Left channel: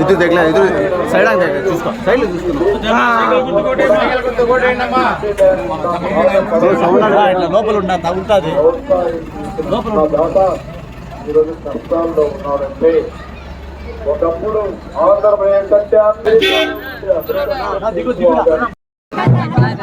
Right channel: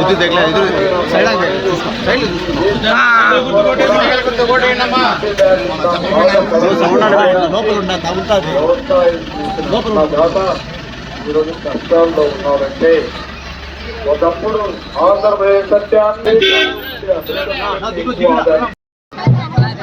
ఇది దగ్గర ఇది సైడ్ సౌండ్ లోపల ఉన్నా తగ్గుతుంది ఈరోజు ఒకప్పుడు ఆంధ్రప్రదేశ్ సత్యాన్ని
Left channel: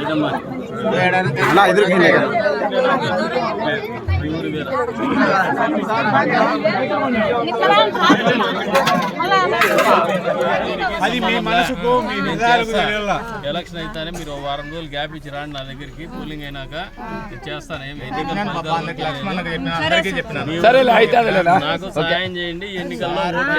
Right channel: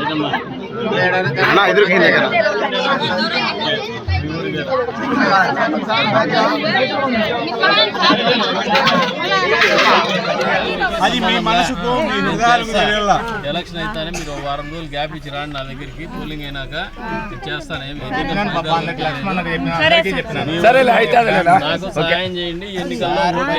అన్న ఎదురుకుంది కదా. అది మీ మనసుకు. ఎలక్షన్ అయితేనే మీరు వారం రోజులు గ్యాప్ ఇచ్చి రాండి నా దగ్గరికి. పోలింగ్ అయినాక చేస్తాను. నాకు సహాయం చేయండి. ఎన్నికల్లో ఓట్లు